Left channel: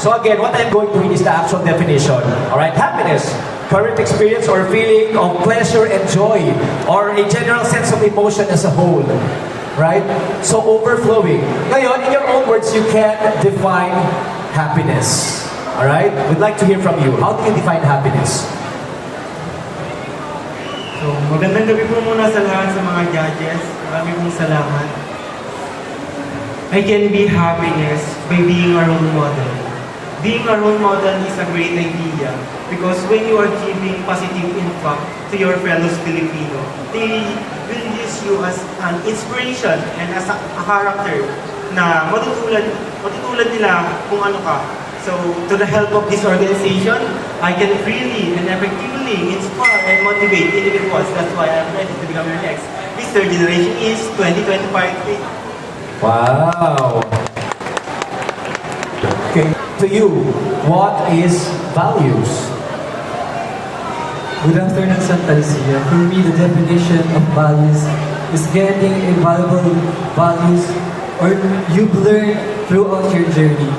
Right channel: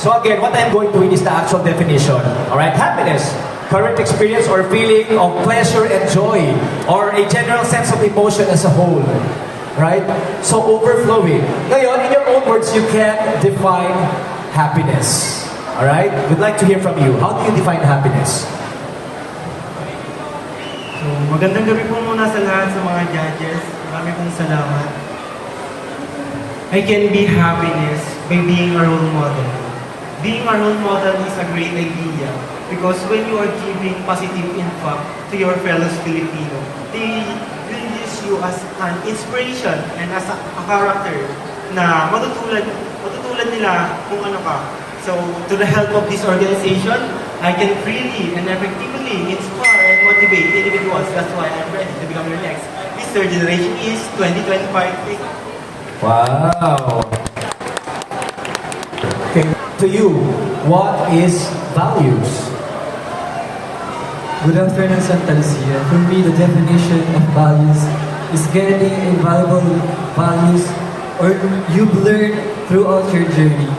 So again, what I'm going to read is the actual definition. Alright, happiness, current experience or feeling of pleasure and joy, or a general sense of emotion as a whole. Right? So overflowing. Ngayon, in your own words, you can define happiness. Alright? We'd like to hear from you. How do you define happiness? So, magandang gabi po muna sa lahat sa mga judges. Maraming pong salamat. I can be happiness by being a role model. Being a role model is a great idea because when you are giving positive impact to your fellow Filipino, they will use you as an inspiration and as a character na matutulan nila kung ano ka. So, to the help of this organization, I can freely and effectively inspire and motivate individuals. That's why I'm ready to become your next Mr. Generation is 2025. Wow! Okay, to you, what is values? Good afternoon, Santa Lucia. For me, the definition of values is getting invaluable values or you've learned throughout your journey.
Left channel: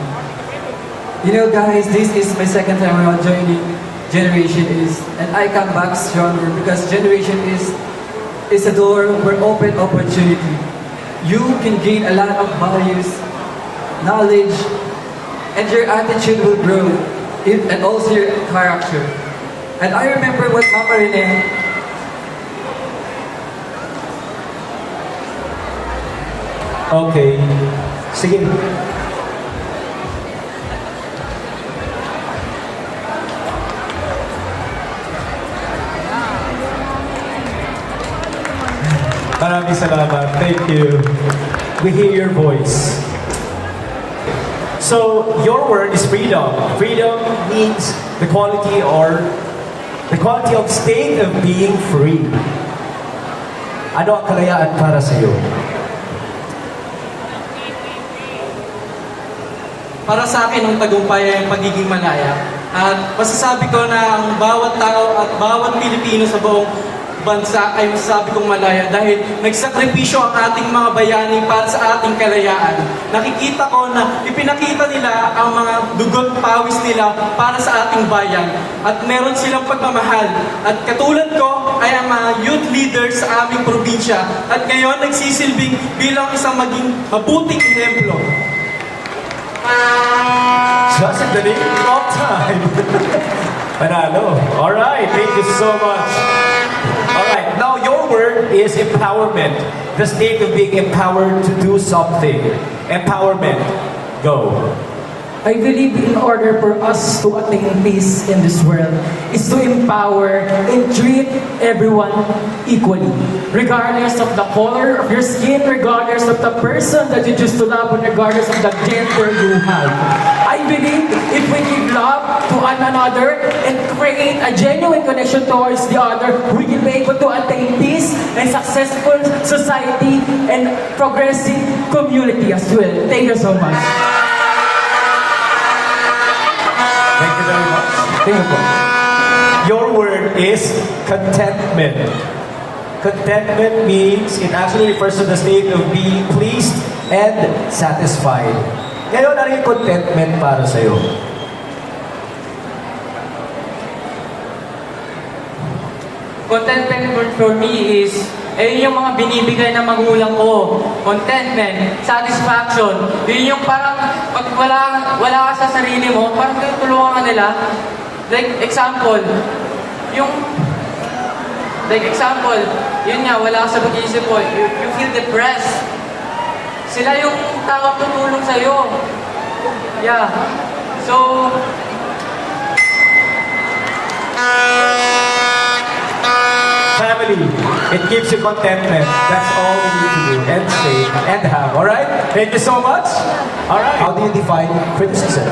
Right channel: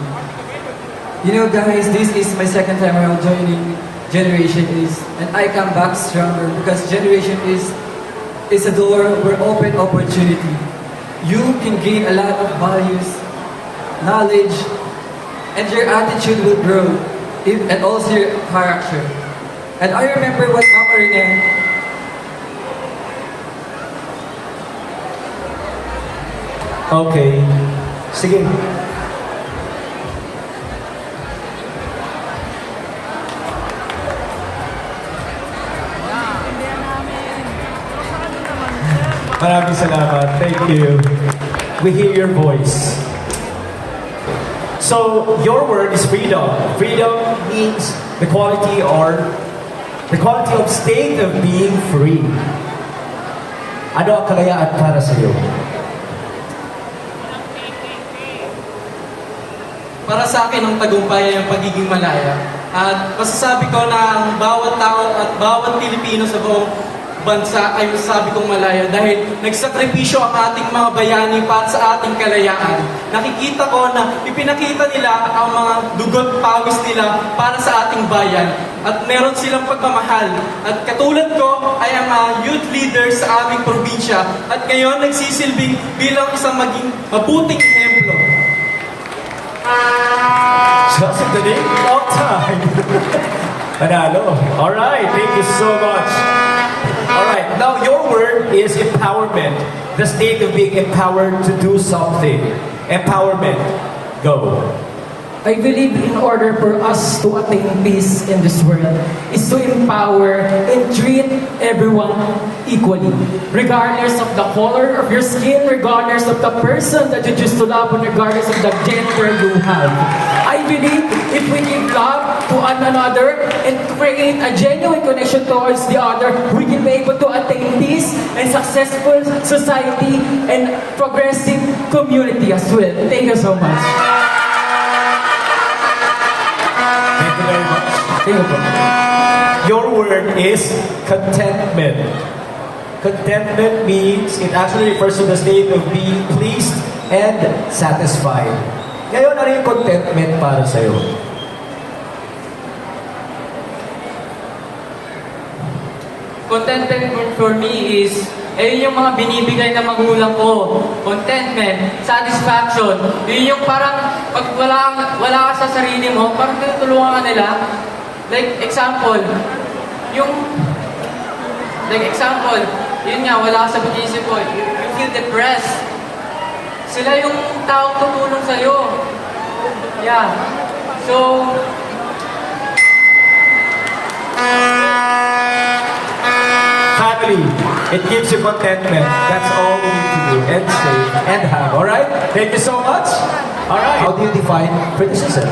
You know, guys, this is my second time around joining Generation Is, and I come back stronger because Generation is a door for open opportunity. You can gain a lot of values, knowledge, and your attitude will grow, and also your character. And I remember what Mama Rene Okay. Sige. Maraming salamat. Thank you. We hear your voice. So, your word is freedom. Freedom means the quality of state of being free. Ano ang kalayaan para sa iyo? Para sa akin, ang tagumpay ay ang pagiging malaya. At masasabi ko na ang bawat tao at bawat Pilipino sa buong bansa ay masasabi kong malaya dahil nagsakripisyo ang ating mga bayani para sa ating kalayaan. Nakikita ko na ipinakita nila ang mga dugot pawis nila para sa ating bayan at meron silang pagmamahal. At katulad ko ay ang mga youth leaders sa aming probinsya at ngayon nagsisilbing bilang isang maging mabuting ehemplo. Just in the name of time. Panalo. Alright, thank you so much. Alright, now your word is empowerment. The state of being empowered to do something. Empowerment. Go. I believe in order for us to attain peace in this world is to empower and treat everyone equally. Regardless of the color of your skin, regardless of the person that you choose to love, and regardless of the gender you have. I believe if we give love to one another and create a genuine connection towards the other, we can be able to attain peace and successful society and progressive community as well. Thank you so much. Thank you very much. Thank you. Your word is contentment. Contentment means, it actually refers to the state of being pleased and satisfied. Ngayon, ano yung contentment para sa'yo? Contentment for me is yung mga binibigay na magulang ko. Contentment, satisfaction. Yun yung parang pag wala ka sa sarili mo, parang kayo tulungan nila. Like example, yun nga, wala ka sa pag-iisip mo. You feel depressed. Sila yung tao tutulong sa'yo. Yeah. So, Family, it gives you contentment. That's all you need to do and say and have. Alright? Thank you so much. Alright. How do you define criticism?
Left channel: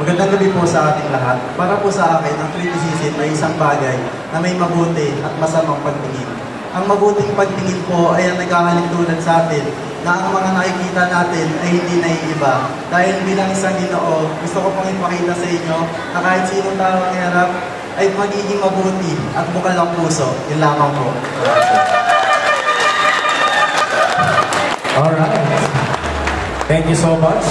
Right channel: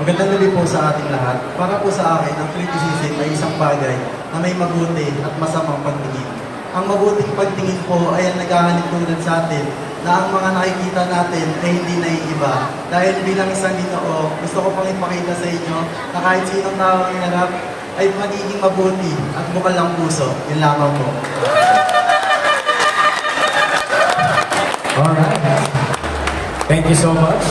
Magandang gabi po sa ating lahat. Para po sa akin, ang criticism ay isang bagay na may mabuti at masamang pagtingin. Ang mabuting pagtingin po ay ang naghahalintulad sa atin na ang mga nakikita natin ay hindi naiiba. Dahil bilang isang Ginoo, gusto ko pang ipakita sa inyo na kahit sinong tao ang inarap ay magiging mabuti at bukal ng puso. Yun lamang po. Alright. Thank you so much.